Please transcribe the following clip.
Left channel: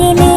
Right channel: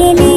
গেলে